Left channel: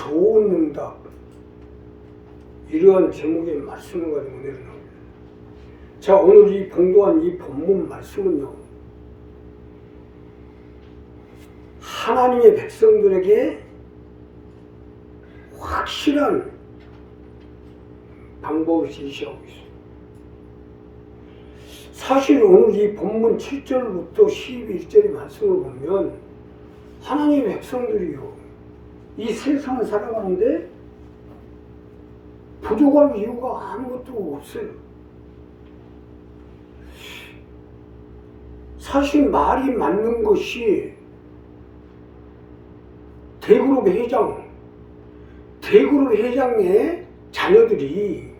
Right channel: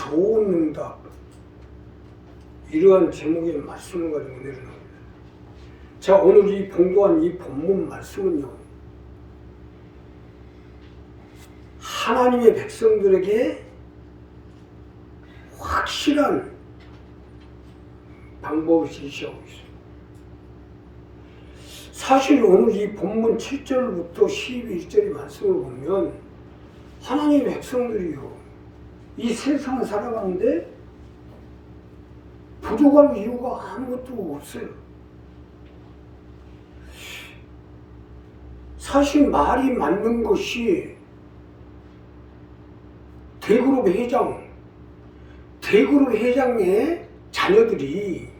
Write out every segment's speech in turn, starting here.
좋은 응답, 이러한 제목의 말씀을 가지고 내려놓습니다. 자, 오늘 이 봉도한 이 본문 말씀은요, 하나님의 백성들에게 확실한 방법을 제시하고 있어요. 사실 오늘 이 본문 7절부터 12절의 말씀을 보면 하나님의 백성들이요, 이 세상을 살아가는데 부족할 이유가 아무것도 없어요. 사실 말이 맞는 것이 대그룹 회장의 자녀들이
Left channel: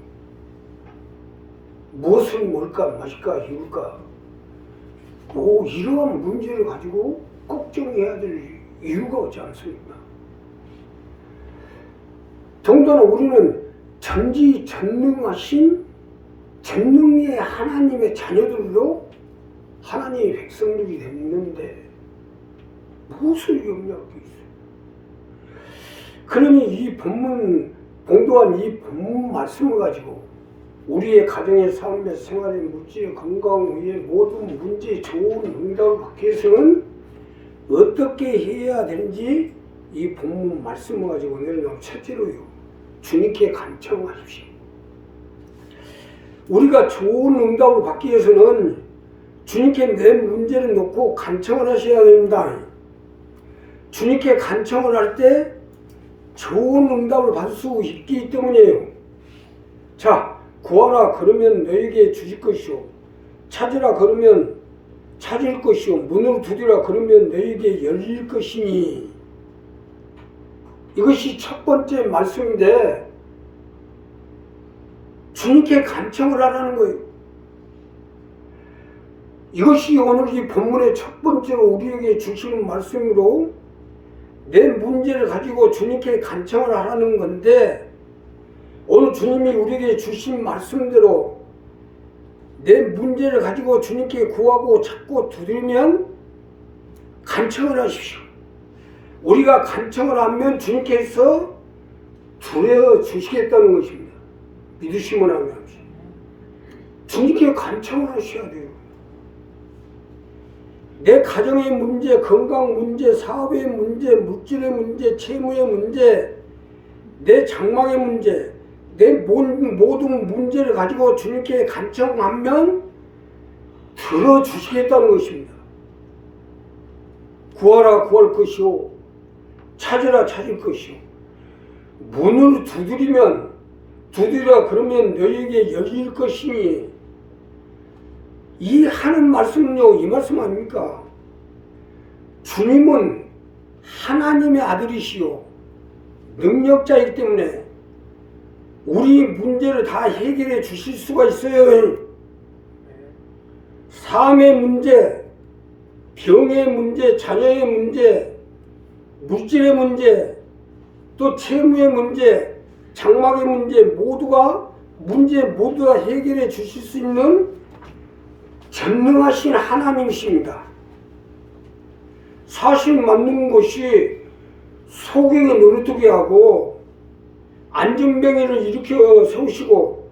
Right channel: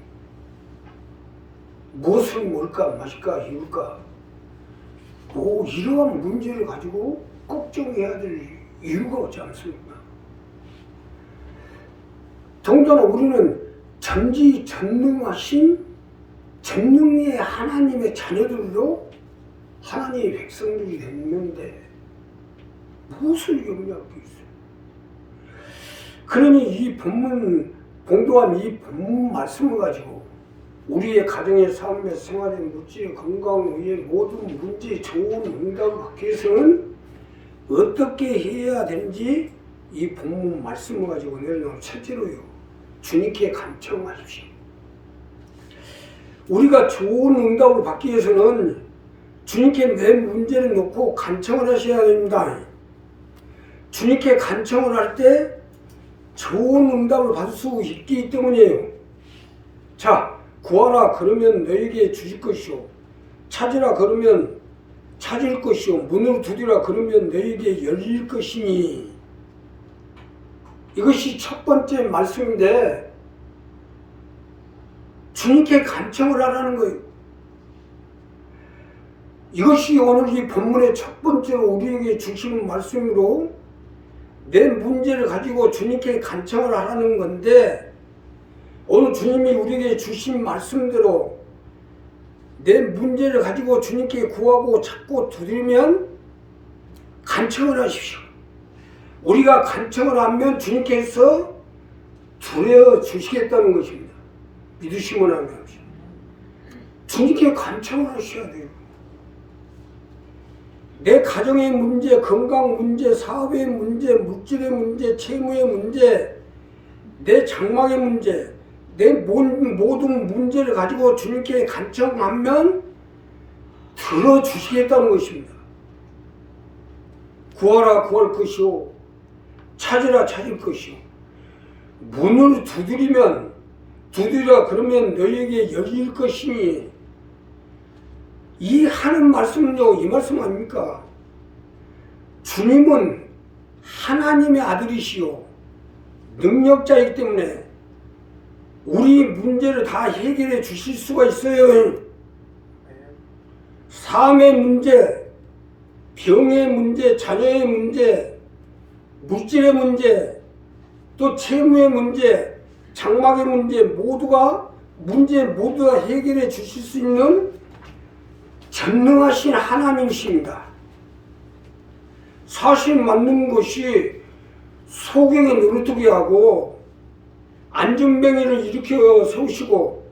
무엇을 먹을까 마실까 입을까 뭐 이러한 문제를 가지고 걱정해야 될 이유가 없지 않습니까? 더군다나 우리는 전지전능하신 전능의 하나님의 자녀들로 하나님의 백성들이 됐는데 무엇을 염려하고 있어요? 그러니 이 본문, 봉도한 이 본문 말씀을 가지고 우리의 가정의 삶의 생활의 물질의 건강 위의 모든 문제에 좋은 응답을 받기 위해서는 어떻게 해야 되는지 이 본문 말씀을 가지고 내려놓은 첫째로요, 주님께 간청하십시오. 우리가 좋은 응답을 받기 위해서는 주님께 내 문제를 놓고 간청을 하셔야 됩니다. 주님께 간청을 할 때 좋은 응답을 받을 수 있기 때문이에요. 자, 구하라 그러면 너에게 주실 것이요, 찾으라 그러면 찾을 것이요, 문을 두드리라 그러면 너에게 열릴 것이니. 이것이 첫 번째 말씀인데 주님께 간청을 하라는 거예요. 이것이 오늘 이 본문의 첫 번째로 우리에게 주시는 말씀으로 내 문제를 가지고 주님께 간청을 하라는 건데, 오늘 주님이 우리에게 주신 말씀대로 내 문제를 가지고 주님께 구하고 찾고 두드리면 간청을 하십시오. 우리가 간청을 하면 주님께서 들어주시겠다는 것입니다. 믿으시면 하는 것입니다. 주님께 간청을 하셔야 돼요. 내 가정의 문제, 건강 문제, 사업의 문제, 물질의 문제, 채무의 문제, 내 장막의 문제, 내 모든 문제를 가지고 주님께 간청하면 들어주시겠다는 것입니다. 구하라 구할 것이요, 찾으라 찾을 것이요, 문을 두드리라 그러면 너에게 열릴 것이니. 이 하는 말씀은요, 이 말씀 아닙니까? 주님은 하나님의 아들이시요 능력자이기 때문에 우리 문제를 다 해결해 주실 수가 있어요. 삶의 문제, 병의 문제, 자녀의 문제, 물질의 문제, 또 채무의 문제, 장막의 문제 모두 다 해결해 주실 수 있는 전능하신 하나님이십니다. 사실 맞는 것이 소경의 노릇하게 하고 안전병이를 일으켜 세우시고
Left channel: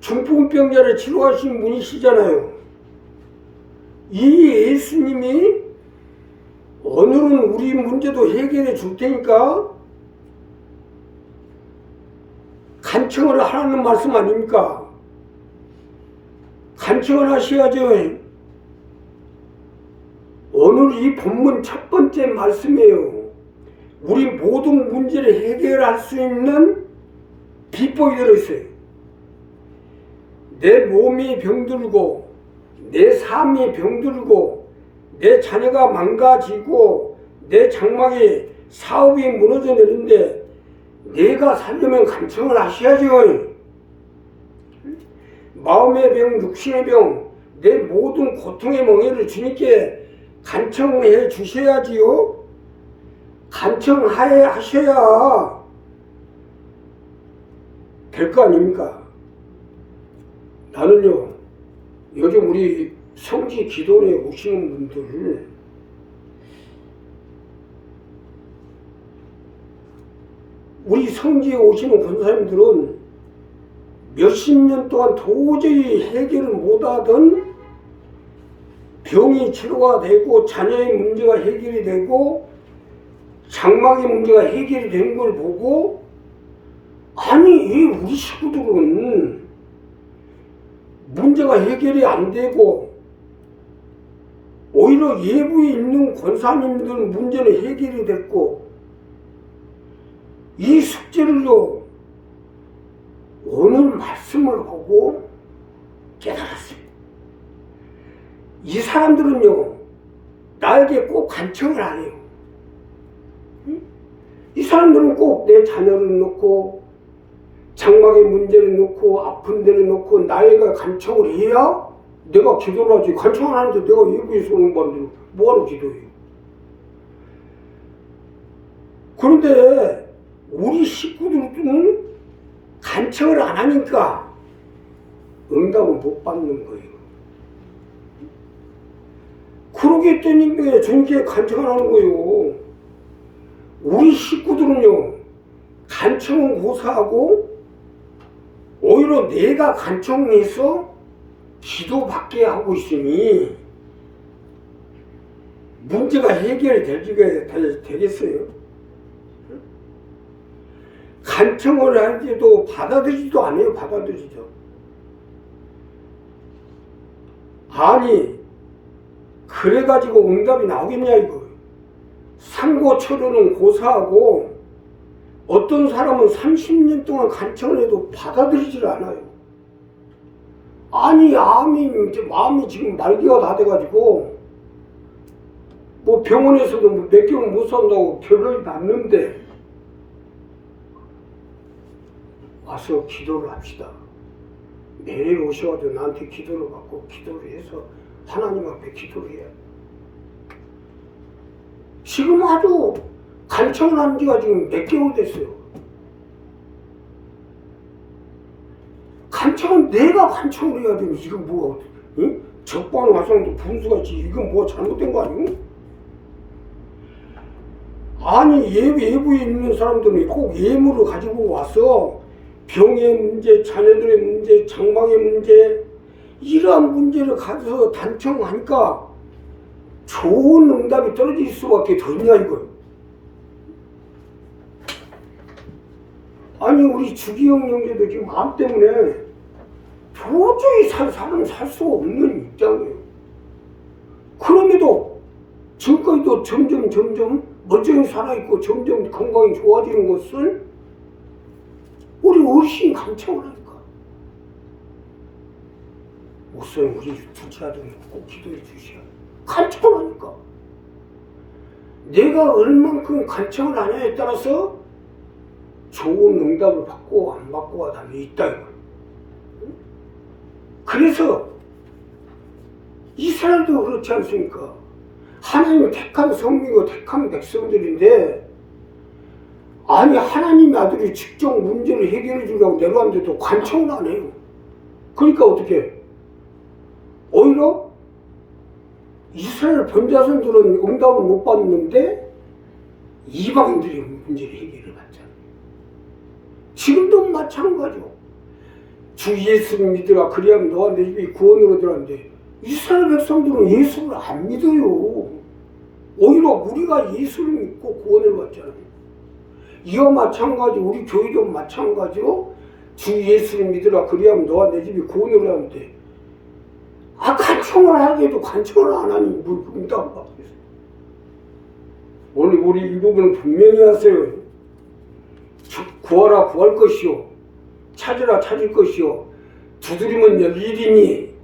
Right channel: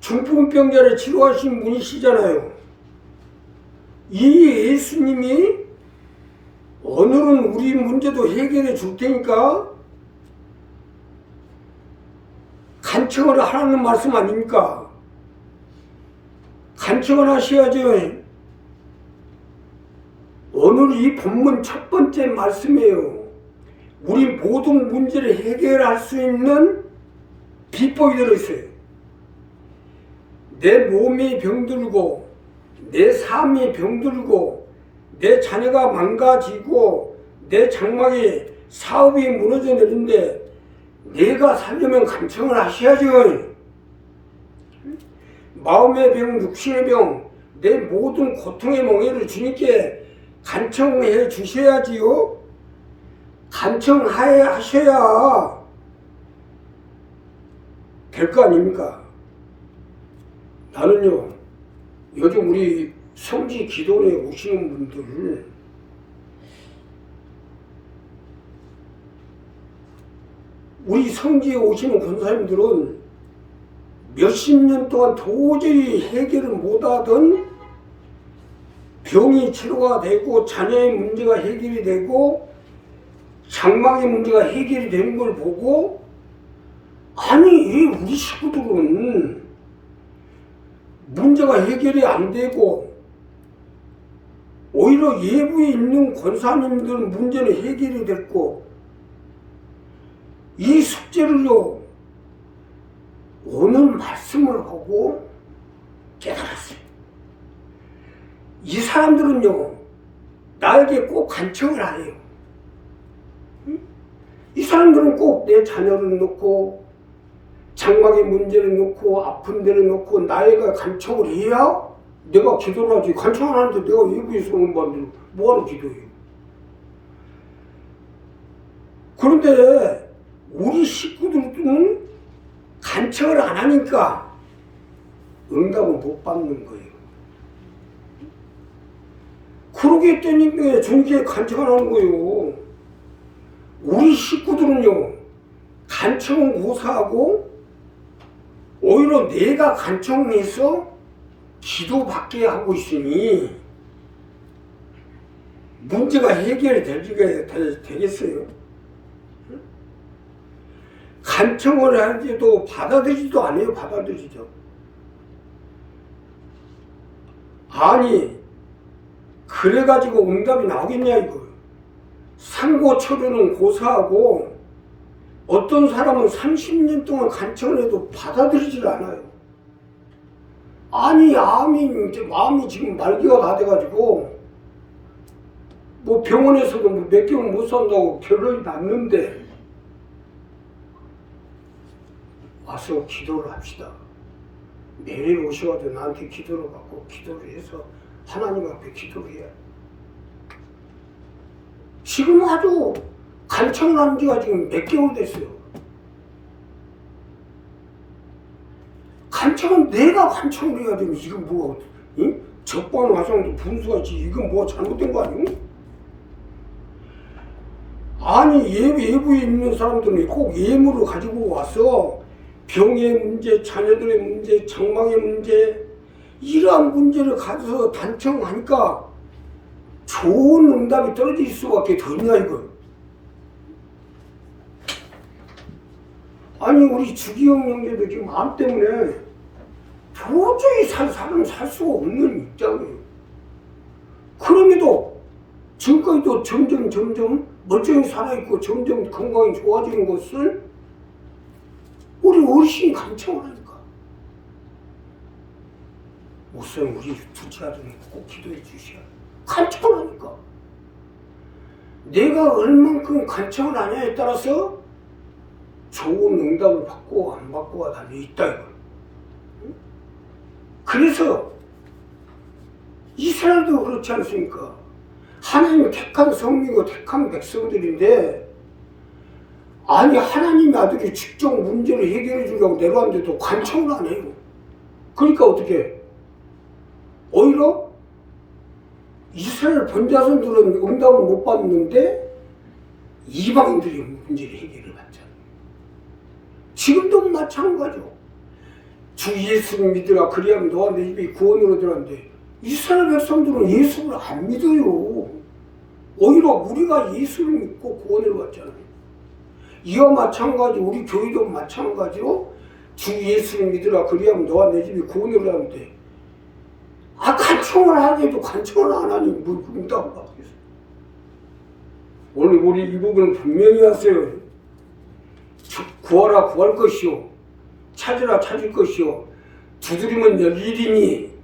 중풍병자를 치료하신 분이시잖아요. 이 예수님이 오늘은 우리 문제도 해결해 줄 테니까 간청을 하라는 말씀 아닙니까? 간청을 하셔야죠. 오늘 이 본문 첫 번째 말씀이에요. 우리 모든 문제를 해결할 수 있는 비법이 들어있어요. 내 몸이 병들고 내 삶이 병들고 내 자녀가 망가지고 내 장막에 사업이 무너져 내리는데 내가 살려면 간청을 하셔야죠. 마음의 병, 육신의 병, 내 모든 고통의 멍에를 주님께 간청해 주셔야지요. 간청하셔야 될 거 아닙니까? 나는요, 요즘 우리 성지 기도원에 오시는 분들 우리 성지에 오시는 권사님들은 몇십 년 동안 도저히 해결을 못하던 병이 치료가 되고 자녀의 문제가 해결이 되고 장막의 문제가 해결이 되는 걸 보고, 아니 왜 우리 식구들은 문제가 해결이 안 되고 오히려 예부에 있는 권사님들은 문제는 해결이 됐고, 이 숙제를요 오늘 말씀을 하고 깨달았어요. 이 사람들은요 나에게 꼭 간청을 안 해요. 이 사람들은 꼭 내 자녀를 놓고 장막의 문제를 놓고 아픈 데를 놓고 나에게 간청을 해야 내가 기도를 하지. 간청을 하는데 내가 외부에서 오는 건데 뭐하러 기도해요? 그런데 우리 식구들은 간청을 안 하니까 응답을 못 받는 거예요. 그러기 때문에 주님께 간청을 하는 거예요. 우리 식구들은요 간청은 고사하고 오히려 내가 간청해서 기도받게 하고 있으니 문제가 해결이 되겠어요? 간청을 하는데도 받아들이지도 않아요. 받아들이죠. 아니 그래가지고 응답이 나오겠냐 이거. 상고처로는 고사하고 어떤 사람은 30년 동안 간청을 해도 받아들이질 않아요. 아니 마음이 지금 말기가 다 돼가지고 뭐 병원에서도 몇 개월 못 산다고 결론이 났는데 와서 기도를 합시다. 매일 오셔가지고 나한테 기도를 받고 기도를 해서 하나님 앞에 기도를 해야. 지금 아주 간청을 한 지가 지금 몇 개월 됐어요. 간청은 내가 간청을 해야 되면 이건 뭐가 응? 적반 화성도 분수가 있지. 이건 뭐 잘못된 거 아니에요? 아니 예부에 있는 사람들은 꼭 예물을 가지고 와서 병의 문제, 자녀들의 문제, 장막의 문제 이러한 문제를 가져서 단청하니까 좋은 응답이 떨어질 수밖에 더 있냐 이거. 아니 우리 주기영 형제도 지금 암 때문에 도저히 사람 살 수가 없는 입장이에요. 그럼에도 지금까지도 점점 멀쩡히 살아있고 점점 건강이 좋아지는 것을 우리 어르신이 간청을 하니까. 우선 우리 둘째 아들은 꼭 기도해 주셔야 간청을 하니까. 내가 얼만큼 간청을 하냐에 따라서 좋은 응답을 받고 안 받고가 달려 있다 이거. 그래서 이스라엘도 그렇지 않습니까? 하나님이 택한 성민이고 택한 백성들인데, 아니 하나님의 아들이 직접 문제를 해결해 주려고 내려왔는데도 간청을 안 해요. 그러니까 어떻게 오히려 이스라엘 본자손들은 응답을 못 받는데 이방인들이 문제를 해결을 받잖아요. 지금도 마찬가지죠. 주 예수를 믿으라 그리하면 너와 내 집이 구원으로 들어간대. 이스라엘 백성들은 예수를 안 믿어요. 오히려 우리가 예수를 믿고 구원을 받잖아요. 이와 마찬가지 우리 교회도 마찬가지로 주 예수를 믿으라 그리하면 너와 내 집이 구원을 들어간대. 간청을 하게도 간청을 안 하니 뭘 응답을 받겠어. 오늘 우리 이 부분은 분명히 하세요. 구하라 구할 것이요 찾으라 찾을 것이요 두드리면 열리리니.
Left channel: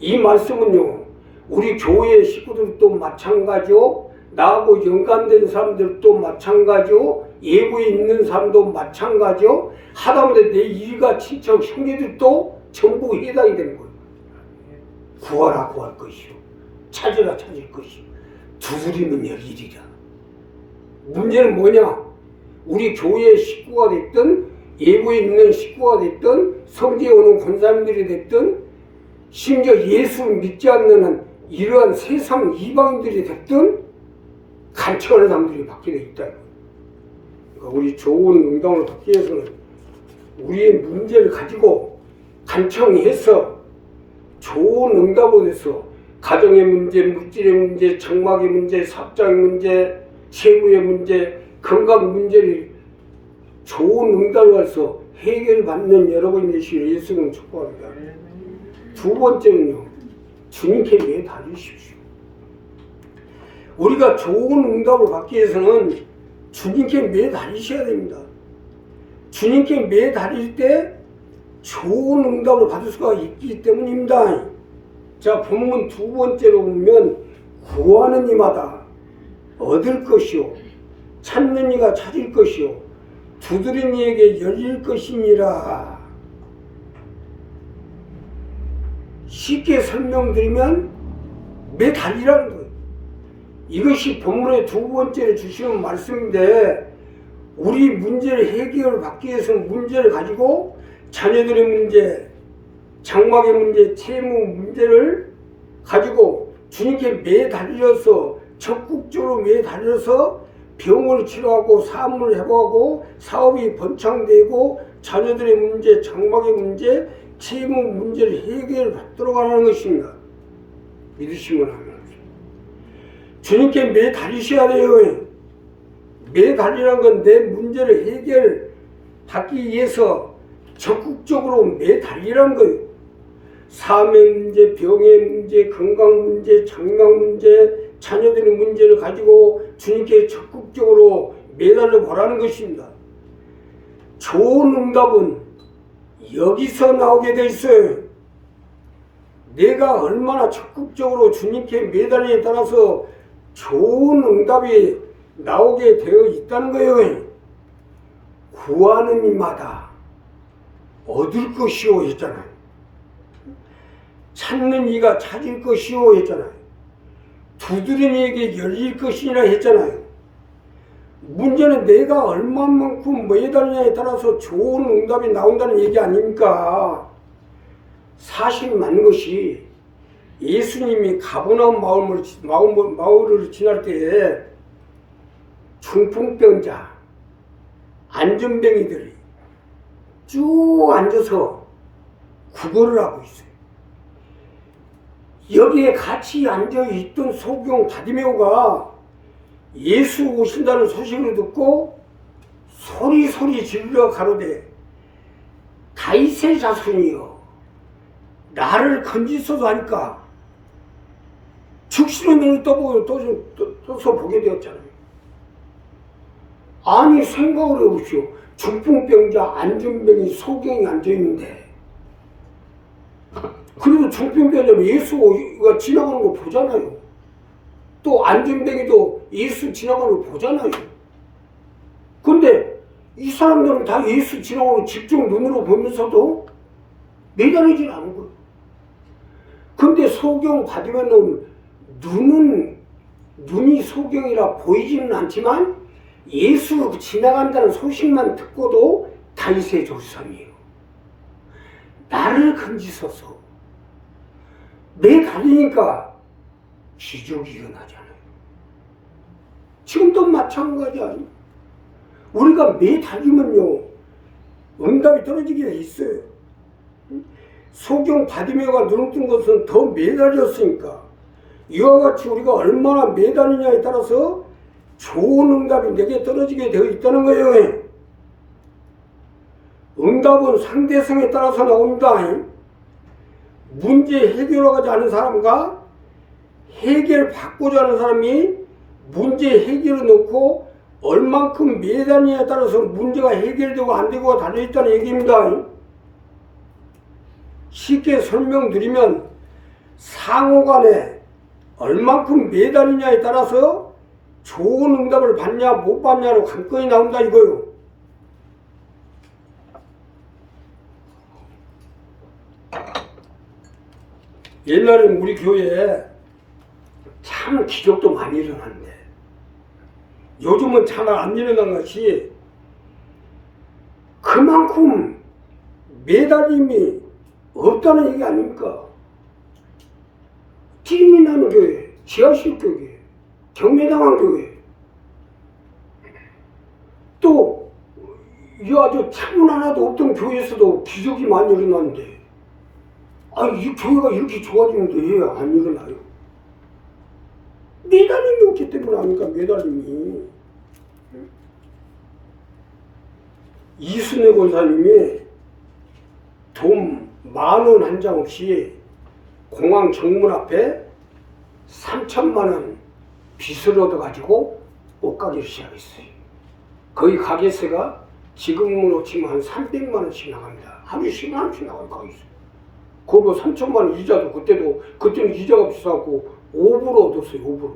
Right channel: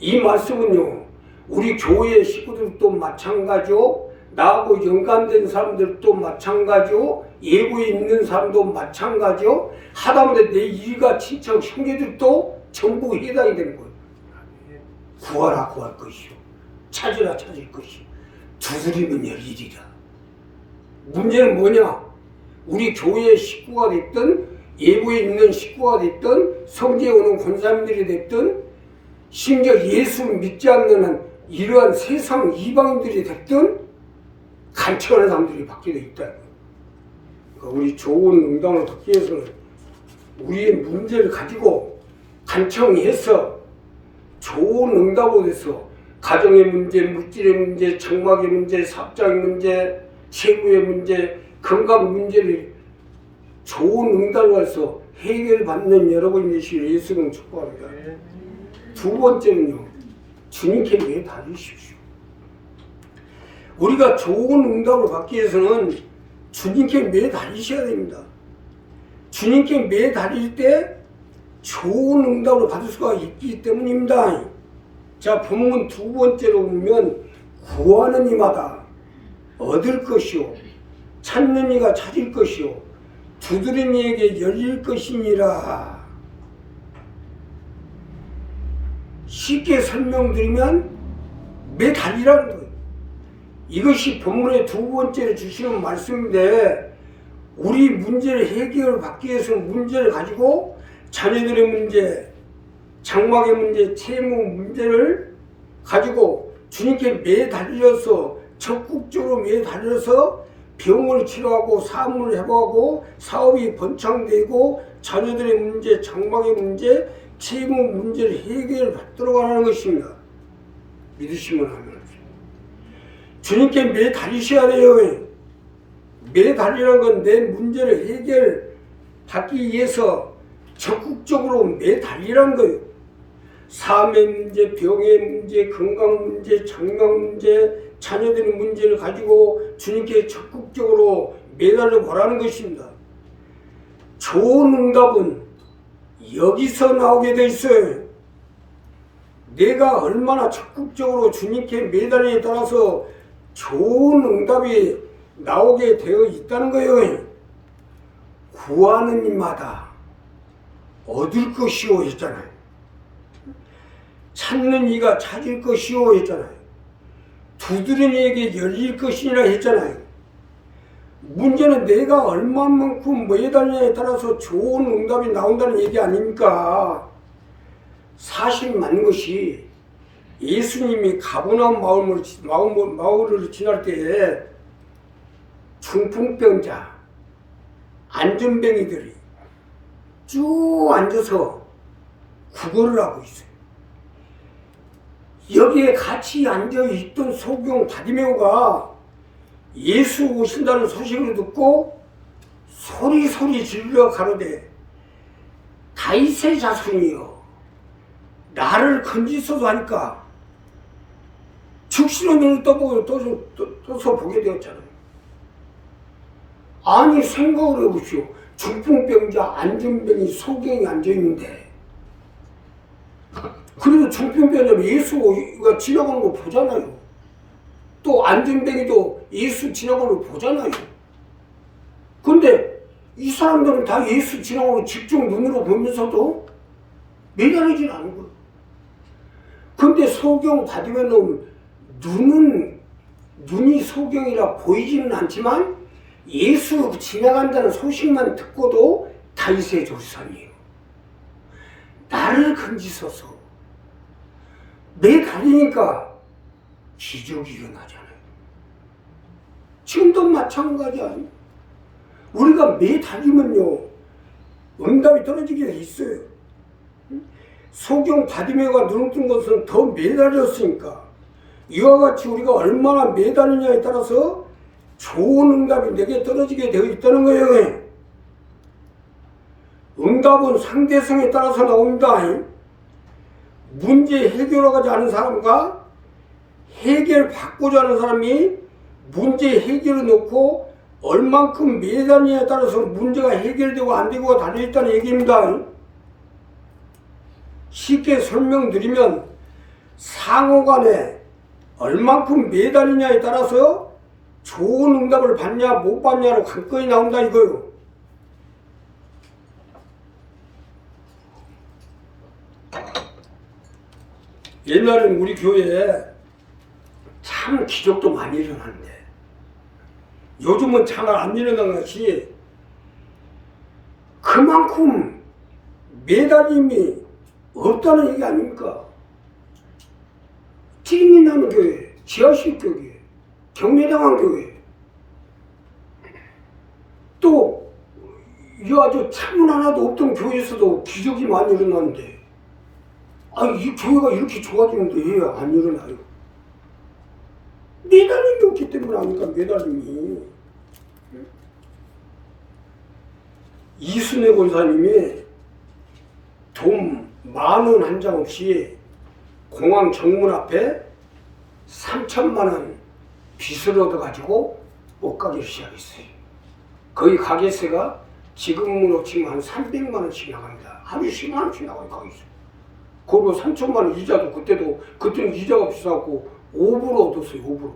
이 말씀은요 우리 교회 식구들도 마찬가지요 나하고 연관된 사람들도 마찬가지요 예부에 있는 사람도 마찬가지요 하다못해 내 일가 친척 형제들도 전부 해당이 되는 거예요. 구하라 구할 것이요 찾으라 찾을 것이요 두드리면 열리리라. 문제는 뭐냐? 우리 교회의 식구가 됐든 예부에 있는 식구가 됐든 성지에 오는 권사님들이 됐든 심지어 예수를 믿지 않는 이러한 세상 이방인들이 됐든 간청하는 사람들이 받게 돼 있다. 우리 좋은 응답을 받기 위해서는 우리의 문제를 가지고 간청해서 좋은 응답을 해서 가정의 문제, 물질의 문제, 장막의 문제, 사업장의 문제, 채무의 문제, 건강 문제를 좋은 응답을 해서 해결받는 여러분이 되시기를 예수님 축복합니다. 두 번째는요, 주님께 매달리십시오. 우리가 좋은 응답을 받기 위해서는 주님께 매달리셔야 됩니다. 주님께 매달릴 때 좋은 응답을 받을 수가 있기 때문입니다. 자, 본문 두 번째로 보면 구하는 이마다 얻을 것이요 찾는 이가 찾을 것이요 두드리는 이에게 열릴 것이니라. 쉽게 설명드리면 매달리라는 거예요. 이것이 본문의 두 번째로 주시는 말씀인데, 우리 문제를 해결을 받기 위해서는 문제를 가지고 자녀들의 문제, 장막의 문제, 채무 문제를 가지고 주님께 매달려서 적극적으로 매달려서 병을 치료하고 사업을 해보고 사업이 번창되고 자녀들의 문제, 장막의 문제, 채무 문제를 해결받도록 하는 것입니다. 믿으시면 합니다. 주님께 매달리셔야 돼요. 매달리라는 건 내 문제를 해결받기 위해서 적극적으로 매달리라는 거예요. 삶의 문제, 병의 문제, 건강 문제, 장막 문제, 자녀들의 문제를 가지고 주님께 적극적으로 매달려 보라는 것입니다. 좋은 응답은 여기서 나오게 돼 있어요. 내가 얼마나 적극적으로 주님께 매달리에 따라서 좋은 응답이 나오게 되어 있다는 거예요. 구하는 이마다 얻을 것이오 했잖아요. 찾는 이가 찾을 것이오 했잖아요. 두드리는 이에게 열릴 것이니라 했잖아요. 문제는 내가 얼마만큼 매달리냐에 따라서 좋은 응답이 나온다는 얘기 아닙니까? 사실 맞는 것이 예수님이 가버나움 마을을 지날 때에 중풍병자, 안전뱅이들이 쭉 앉아서 구걸을 하고 있어요. 여기에 같이 앉아있던 소경 바디메오가 예수 오신다는 소식을 듣고 소리 질러 가로되 다윗의 자손이여 나를 건지소서 하니까 즉시로 눈을 떠서 보게 되었잖아요. 아니 생각을 해보시오. 중풍병자, 안전뱅이, 소경이 앉아있는데 그래도 중풍병자면 예수가 지나가는 거 보잖아요. 또 안전뱅이도 예수 지나가는 거 보잖아요. 근데 이 사람들은 다 예수 지나가는 거 집중 눈으로 보면서도 매달리진 않은 거예요. 근데 소경 받으면 눈이 소경이라 보이지는 않지만 예수 지나간다는 소식만 듣고도 다윗의 조상이에요. 나를 건지소서. 매달리니까 기적이 일어나잖아요. 지금도 마찬가지 아니에요. 우리가 매달리면요 응답이 떨어지게 돼 있어요. 소경 바디메오가 눈을 뜬 것은 더 매달렸으니까 이와 같이 우리가 얼마나 매달리냐에 따라서 좋은 응답이 내게 떨어지게 되어 있다는 거예요. 응답은 상대성에 따라서 나옵니다. 문제 해결하고자 하는 사람과 해결받고자 하는 사람이 문제 해결을 놓고 얼만큼 매달리냐에 따라서 문제가 해결되고 안 되고가 달려있다는 얘기입니다. 쉽게 설명드리면 상호간에 얼만큼 매달리냐에 따라서 좋은 응답을 받냐 못 받냐로 관건이 나온다 이거요. 옛날에는 우리 교회에 참 기적도 많이 일어났는데 요즘은 참 안 일어난 것이 그만큼 매달림이 없다는 얘기 아닙니까? 찜이 나는 교회, 지하실 교회, 경매당한 교회, 또 이 아주 창문 하나도 없던 교회에서도 기적이 많이 일어나는데, 이 교회가 이렇게 좋아지는데 왜 안 일어나요? 매달림이 없기 때문에 아닙니까? 매달림이. 이순애 권사님이 돈 10,000원 한 장 없이 공항 정문 앞에 3,000만 원 빚을 얻어가지고 옷가게를 시작했어요. 거의 가게세가 지금으로 치면 한 300만 원씩 나갑니다. 하루에 10만 원씩 나가요, 가게세. 그리고 3,000만 원 이자도 그때는 이자가 비싸고 5% 얻었어요, 5%.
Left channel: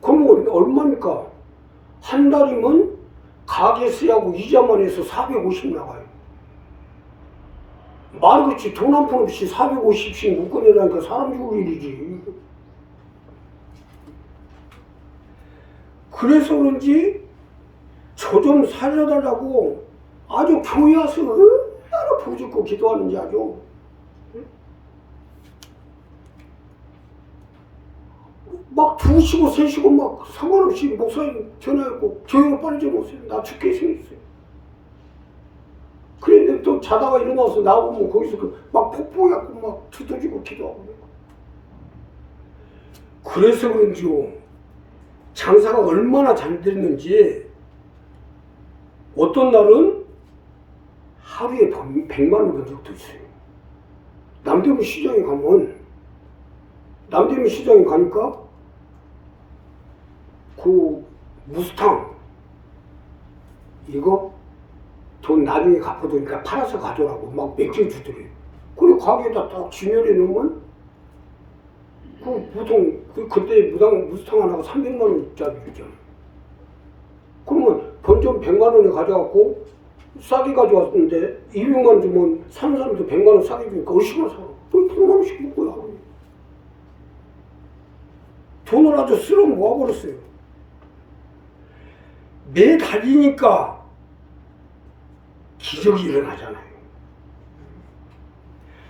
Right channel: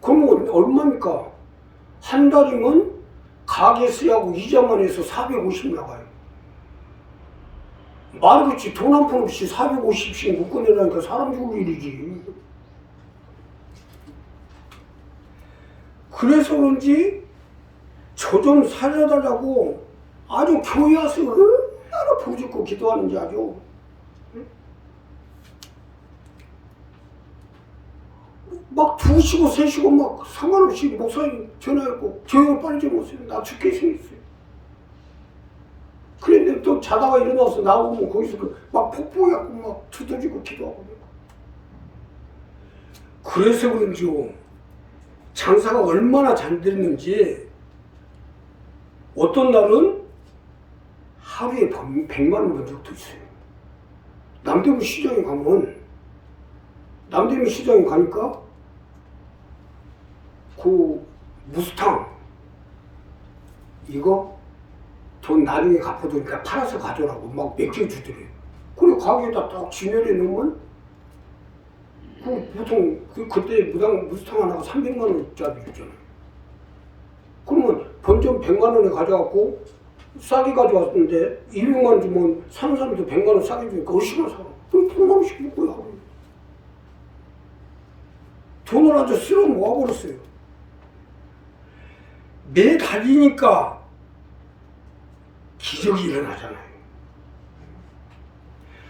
그러면 얼마입니까? 한 달이면 가게세하고 이자만 해서 450 나가요. 말그렇지 돈 한 푼 없이 450씩 묶어내라니까 사람 죽을 일이지. 그래서 그런지 저 좀 살려달라고 아주 교회 와서 얼마나 부르짖고 기도하는지 아주. 막 2시고 3시고 막 상관없이 목사님 전화했고 교회를 빨리 좀 오세요. 나 죽게 생겼어요. 그랬는데 또 자다가 일어나서 나오면 거기서 막 폭포해갖고 막 두드리고 기도하고. 그래서 그런지요. 장사가 얼마나 잘 됐는지 어떤 날은 하루에 100만 원 번 적도 있어요. 남대문 시장에 가니까 그 무스탕 이거 돈 나중에 갚아두니까 팔아서 가져라고 막 맡겨주더래요. 그리고 가게에다 딱 진열해 놓으면 보통 그때 무스탕 하나가 300만 원짜리 줬잖아요. 그러면 본전 100만 원에 가져갖고 싸게 가져왔는데 200만 원 주면 사는 사람도 100만 원 싸게 주니까 얼마나 사? 그럼 100만 원씩 줄 거야. 돈을 아주 쓸어 모아버렸어요. 매달리니까 기적이 일어나잖아요.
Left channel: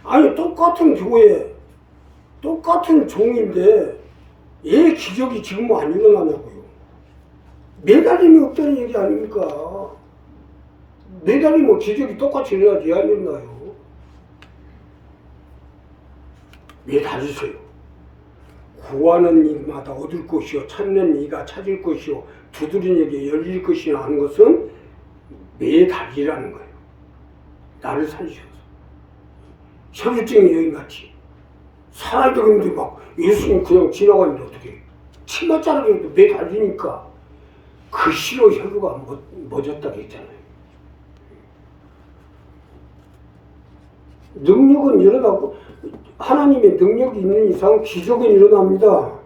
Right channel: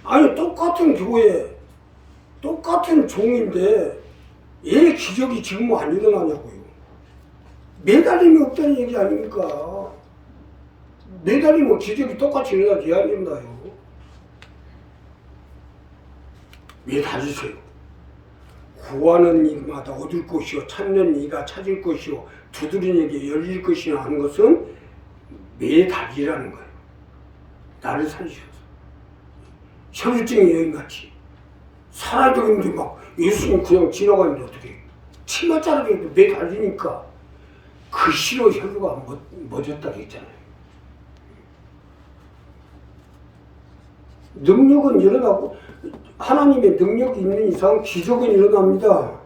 아니 똑같은 교회 똑같은 종인데 왜 기적이 지금 안 일어나냐고요. 매달림이 없다는 얘기 아닙니까? 매달리면 기적이 똑같이 일어나지 안 일어나요. 매달리세요. 구하는 이마다 얻을 것이요 찾는 이가 찾을 것이요 두드리는 이에게 열릴 것이요 하는 것은 매달리라는 거예요. 나를 살리셔서 혈증의 여인같이 살아있는데 막 예수님 그냥 지나가는데 어떻게 치마 자르기도 매달리니까 그 시로 혈루가 멎었다고 했잖아요. 능력은 일어나고 하나님의 능력이 있는 이상 기적은 일어납니다.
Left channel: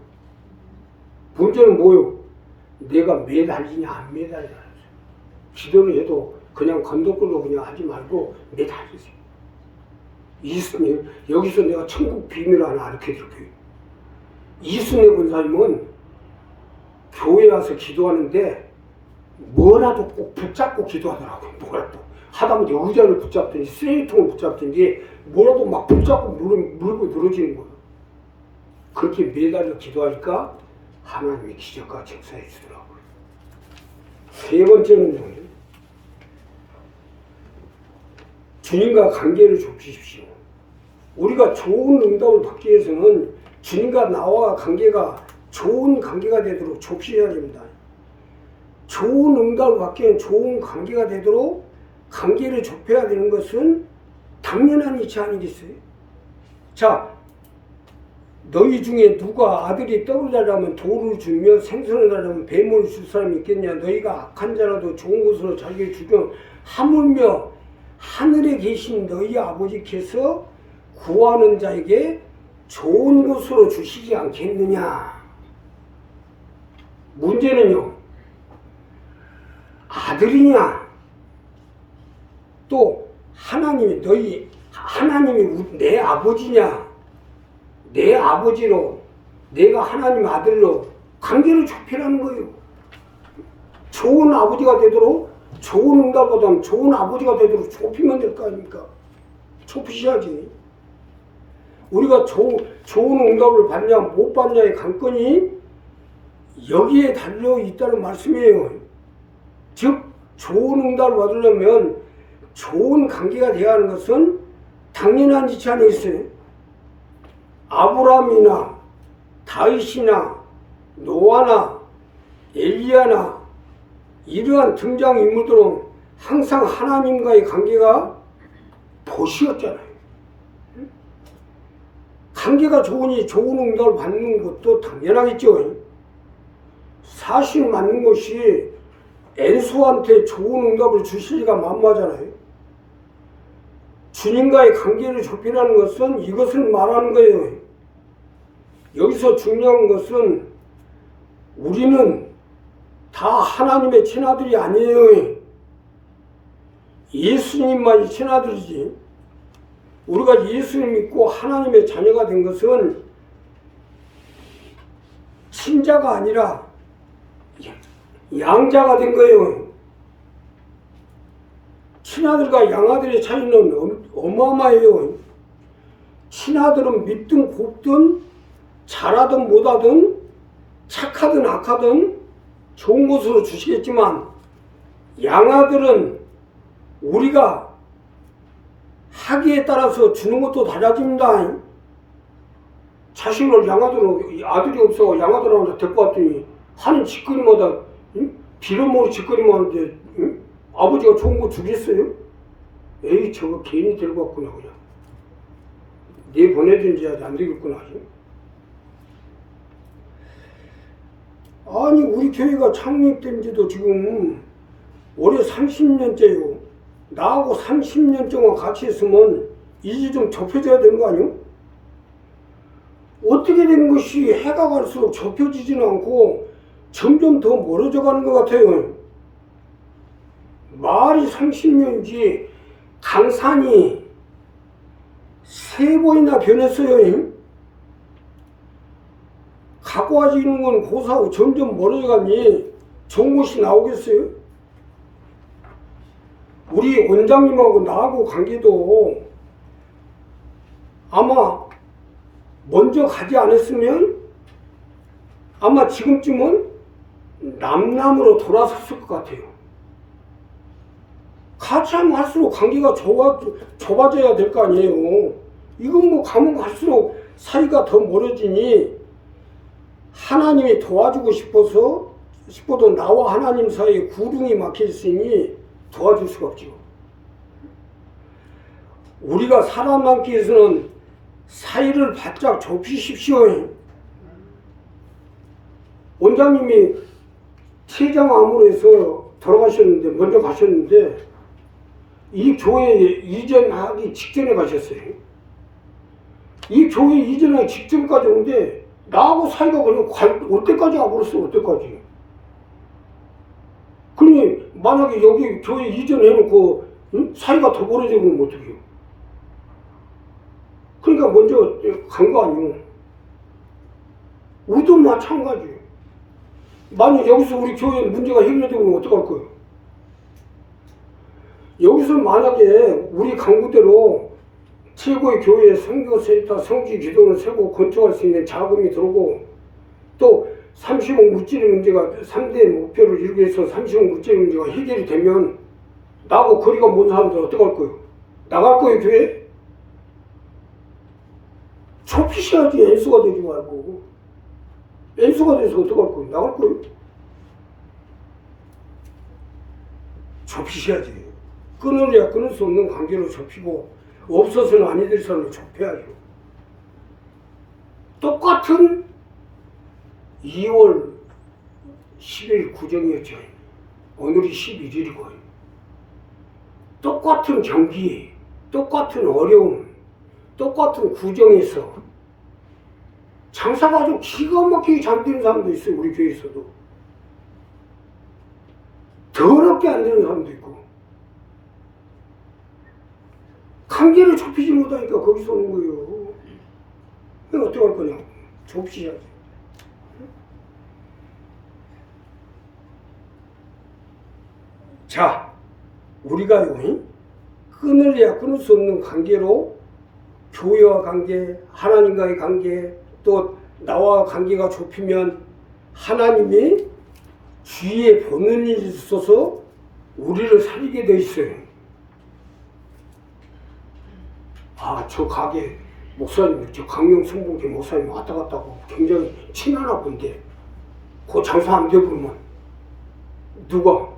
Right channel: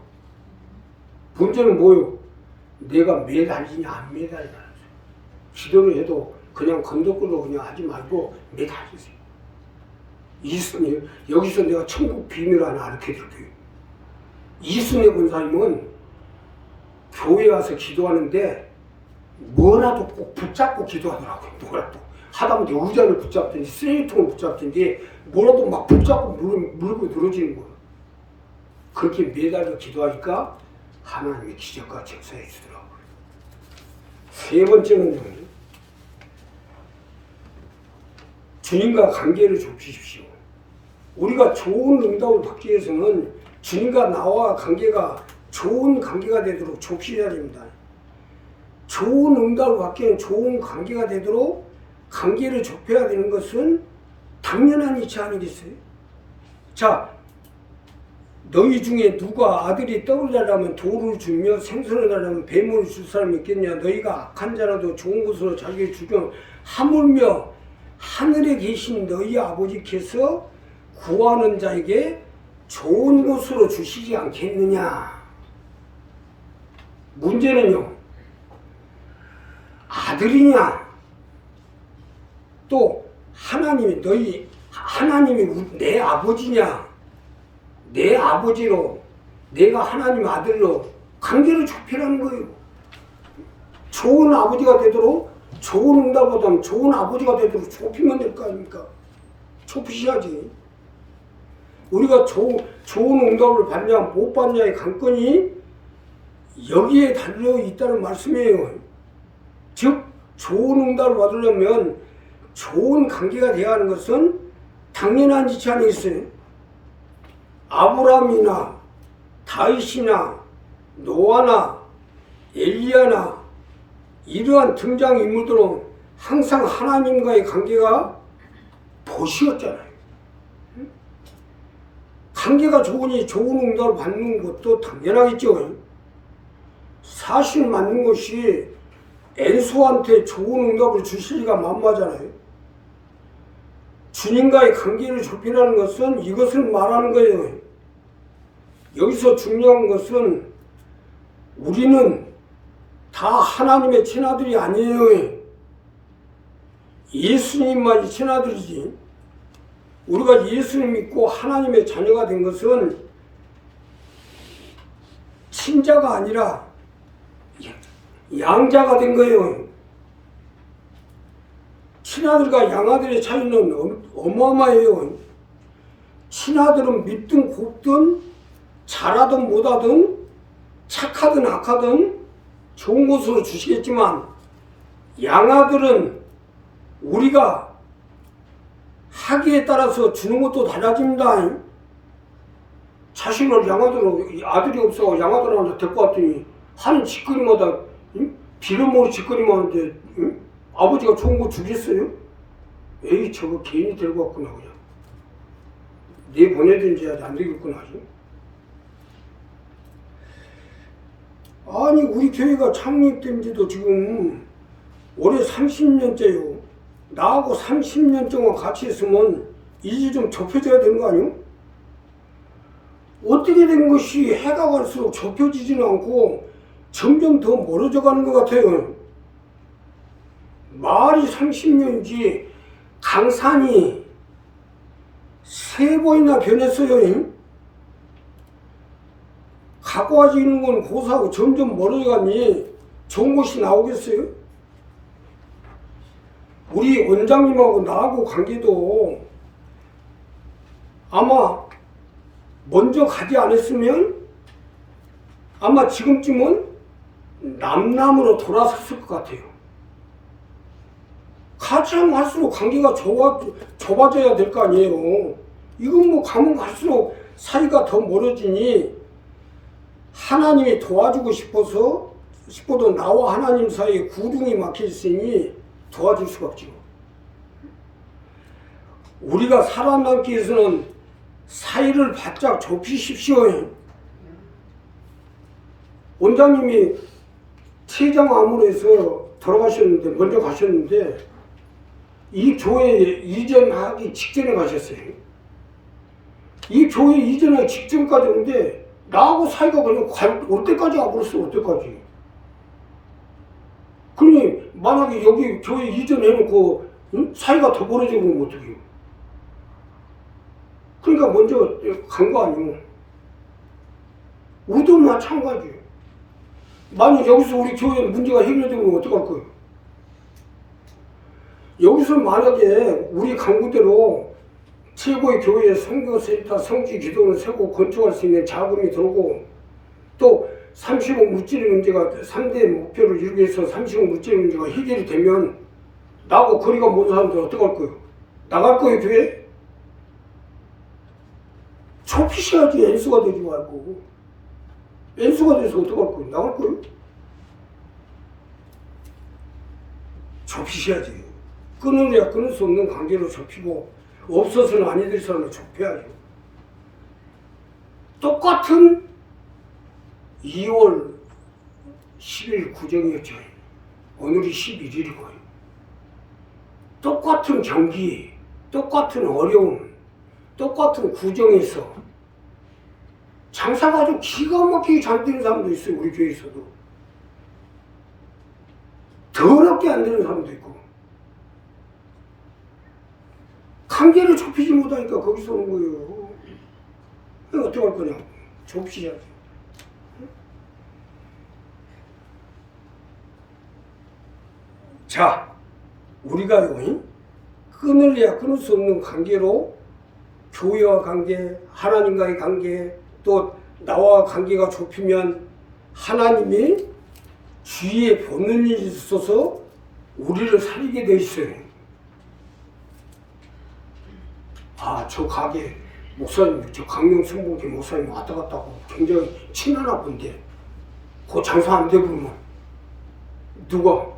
문제는 뭐요? 내가 매달리냐 안 매달리냐. 기도를 해도 그냥 건더끌도 그냥 하지 말고 매달리세요. 이순애 여기서 내가 천국 비밀을 하나 알려드릴게요. 이순애 권사님은 교회 와서 기도하는데 뭐라도 꼭 붙잡고 기도하더라고요. 뭐라도 하다못해 의자를 붙잡든지 쓰레기통을 붙잡든지 뭐라도 막 붙잡고 물고 늘어지는 거예요. 그렇게 매달려 기도하니까 하나님의 기적과 역사해 주더라고요. 세 번째는 주님과 관계를 좁히십시오. 우리가 좋은 응답을 받기 위해서는 주님과 나와 관계가 좋은 관계가 되도록 좁히셔야 됩니다. 좋은 응답을 받기 위해 좋은 관계가 되도록 관계를 좁혀야 되는 것은 당연한 이치 아니겠어요? 자, 너희 중에 누가 아들이 떡을 달라면 돌을 주며 생선을 달라면 뱀을 줄 사람이 있겠냐? 너희가 악한 자라도 좋은 것으로 자기에게 주면 하물며 하늘에 계신 너희 아버지께서 구하는 자에게 좋은 것으로 주시지 않겠느냐? 문제는요, 아들이냐? 또 하나님이 내 아버지냐? 내 아버지로 내가 하나님 아들로 관계를 좁히라는 거예요. 좋은 아버지가 되도록 좋은 응답보다는 좋은 아버지가 되도록 좁히면 될 거 아닙니까? 좁히셔야지. 우리가 좋은 응답을 받냐 못 받냐의 관건이 여기에 달려 있다는 말씀이에요. 즉 좋은 응답을 받으려면 좋은 관계가 되어야 하는 것은 당연한 이치 아니겠어요? 아브라함이나 다윗이나 노아나 엘리야나 이러한 등장인물들은 항상 하나님과의 관계가 도시였잖아요. 관계가 좋으니 좋은 응답을 받는 것도 당연하겠죠. 사실 맞는 것이 엔소한테 좋은 응답을 주시기가 만무하잖아요. 주님과의 관계를 좁히라는 것은 이것을 말하는 거예요. 여기서 중요한 것은 우리는 다 하나님의 친아들이 아니에요. 예수님만이 친아들이지. 우리가 예수님 믿고 하나님의 자녀가 된 것은 친자가 아니라 양자가 된 거예요. 친아들과 양아들의 차이는 어마어마해요. 친아들은 믿든 곱든 잘하든 못하든 착하든 악하든 좋은 것으로 주시겠지만 양아들은 우리가 하기에 따라서 주는 것도 달라집니다. 자신을 양아들로 아들이 없어 양아들한테 데리고 왔더니 하는 짓거리마다 빌어먹을 짓거리만 하는데 아버지가 좋은 거 주겠어요? 에이 저거 괜히 데리고 왔구나 그냥 내보내든지 하지 안 되겠구나. 아니 우리 교회가 창립된 지도 지금 올해 30년째요. 나하고 30년 동안 같이 있으면 이제 좀 좁혀져야 되는 거 아니요? 어떻게 된 것이 해가 갈수록 좁혀지지는 않고 점점 더 멀어져 가는 것 같아요. 말이 30년이지 강산이 3번이나 변했어요. 가까워지는 건 고사하고 점점 멀어져가니 좋은 것이 나오겠어요? 우리 원장님하고 나하고 관계도 아마 먼저 가지 않았으면 아마 지금쯤은 남남으로 돌아섰을 것 같아요. 같이 하면 갈수록 관계가 좁아져야 될 거 아니에요. 이건 뭐 가면 갈수록 사이가 더 멀어지니 하나님이 도와주고 싶어도 나와 하나님 사이에 구름이 막혀 있으니 도와줄 수가 없죠. 우리가 살아남기 위해서는 사이를 바짝 좁히십시오. 원장님이 췌장암으로 돌아가셨는데 먼저 가셨는데 이 교회에 이전하기 직전에 가셨어요. 이 교회 이전하기 직전까지 오는데 나하고 사이가 그냥 올 때까지 와버렸어. 올 때까지. 그러니 만약에 여기 교회 이전해놓고 사이가 더 벌어지면 어떡해요? 그러니까 먼저 간 거 아니고 우도 마찬가지. 만약 여기서 우리 교회 문제가 해결되면 어떡할 거예요? 여기서 만약에 우리 강구대로 최고의 교회 선교센터 성지 기도를 세고 건축할 수 있는 자금이 들어오고 또 30억 물질 문제가 3대 목표를 이루기 위해서 30억 물질 문제가 해결이 되면 나하고 거리가 먼 사람들 어떡할 거예요? 나갈 거예요 교회? 좁히셔야지. N수가 되지 말고. N수가 돼서 어떡할 거예요? 나갈 거예요? 좁히셔야지. 끊으려야 끊을 수 없는 관계로 좁히고 없어서는 아니 될 사람을 좁혀야죠. 똑같은 2월 10일 구정이었죠. 오늘이 11일이고요. 똑같은 경기, 똑같은 어려움, 똑같은 구정에서 장사가 아주 기가 막히게 잘 되는 사람도 있어요. 우리 교회에서도. 더럽게 안 되는 사람도 있고. 관계를 좁히지 못하니까 거기서 온 거예요. 그럼 어떡할 거냐고. 좁히셔야지. 자, 우리가요, 끊을래야 끊을 수 없는 관계로 교회와 관계, 하나님과의 관계, 또 나와 관계가 좁히면 하나님이 주위에 보는 일이 있어서 우리를 살리게 돼 있어요. 아, 저 가게 목사님, 저 강명순복이 목사님 왔다 갔다 하고 굉장히 친하나 본데 그 장사 안 되면 누가?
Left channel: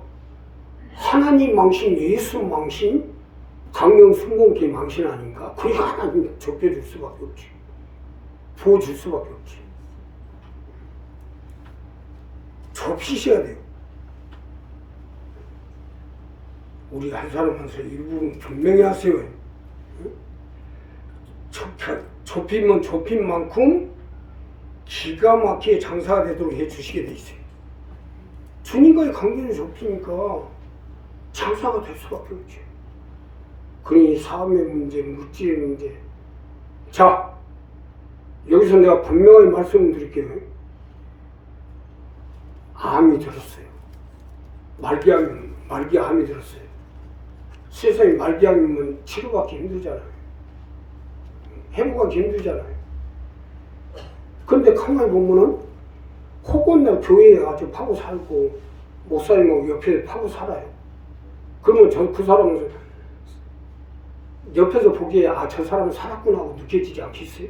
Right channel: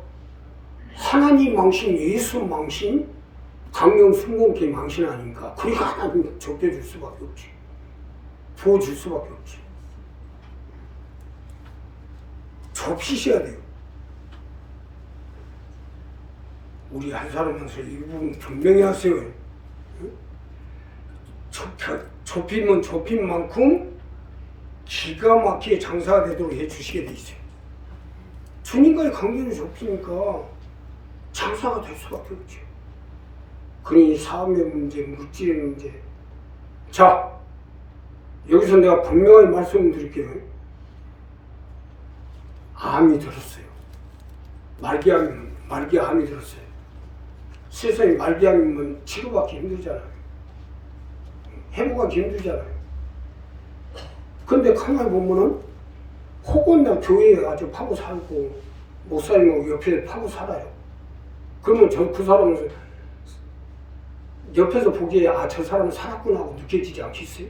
하나님 망신, 예수 망신, 강명순복이 망신 아닌가? 그러니까 하나님 좁혀줄 수밖에 없지. 부어줄 수밖에 없지. 좁히셔야 돼요. 우리 한 사람한테 이 부분 분명히 하세요. 좁히면 좁힌 만큼 기가 막히게 장사가 되도록 해주시게 돼 있어요. 주님과의 관계를 좁히니까 장사가 될 수밖에 없죠. 그러니 삶의 문제, 물질의 문제. 자, 여기서 내가 분명하게 말씀드릴게요. 암이 들었어요. 말기암이 들었어요. 세상에 말기암이면 치료받기 힘들잖아요. 회복하기 힘들잖아요. 근데 가만히 보면은 혹은 나 교회에 아주 파고 살고 목사님하고 옆에 파고 살아요. 그러면 그 사람은 옆에서 보기에 아, 저 사람은 살았구나 하고 느껴지지 않겠어요?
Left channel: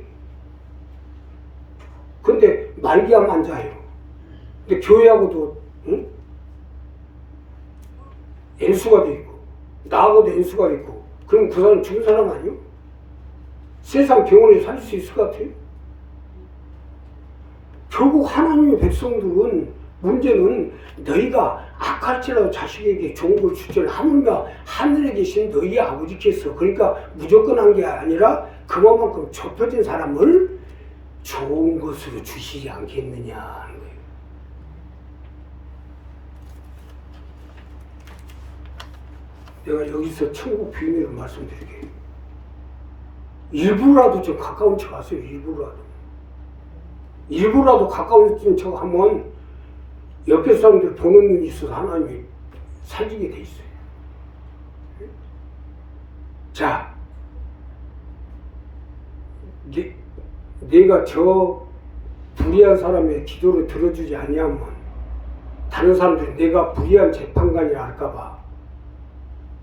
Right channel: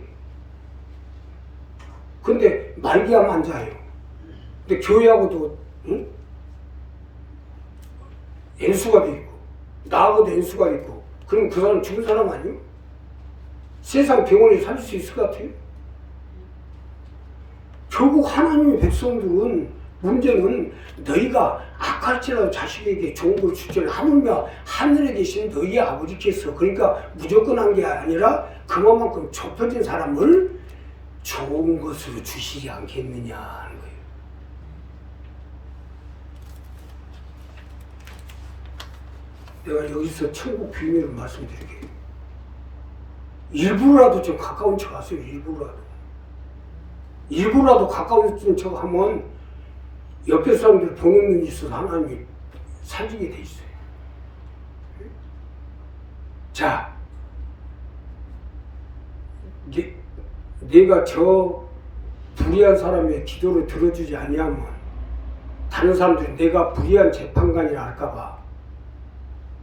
근데 말기암 환자예요. 근데 교회하고도 응? 연수가 돼 있고 나하고도 연수가 있고 그럼 그 사람 죽은 사람 아니에요? 세상 병원에 살 수 있을 것 같아요? 결국 하나님의 백성들은 문제는 너희가 악할지라도 자식에게 좋은 걸 줄줄 하는가 하늘에 계신 너희 아버지께서 그러니까 무조건 한 게 아니라 그만큼 좁혀진 사람을 좋은 것으로 주시지 않겠느냐 하는 거예요. 내가 여기서 천국 비밀을 말씀드릴게요. 일부라도 좀 가까운 척 하세요. 일부라도 가까운 척 하면 옆에 사람들 보는 눈이 있어서 하나님이 살리게 돼 있어요. 자, 내가 저 불의한 사람의 기도를 들어주지 아니하면 다른 사람들이 내가 불의한 재판관이라 할까봐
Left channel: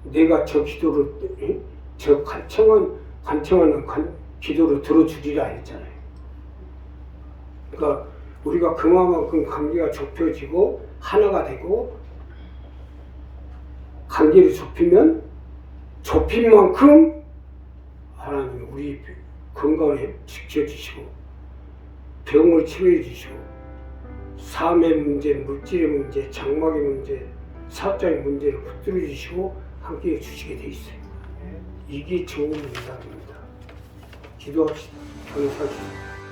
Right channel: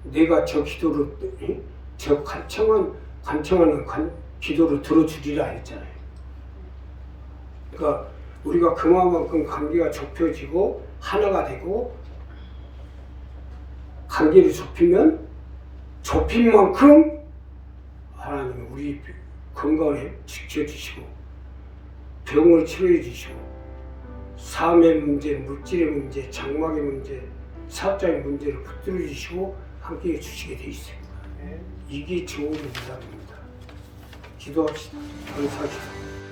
내가 저 기도를 저 간청하는 기도를 들어주리라 했잖아요. 그러니까 우리가 그만큼 관계가 좁혀지고 하나가 되고 관계를 좁히면 좁힌 만큼 하나님 우리 건강을 지켜주시고 병을 치료해 주시고 삶의 문제, 물질의 문제, 장막의 문제, 사업자의 문제를 붙들어 주시고 함께 해주시게 돼 있어요. 이게 좋은 응답입니다. 기도합시다. 감사합니다.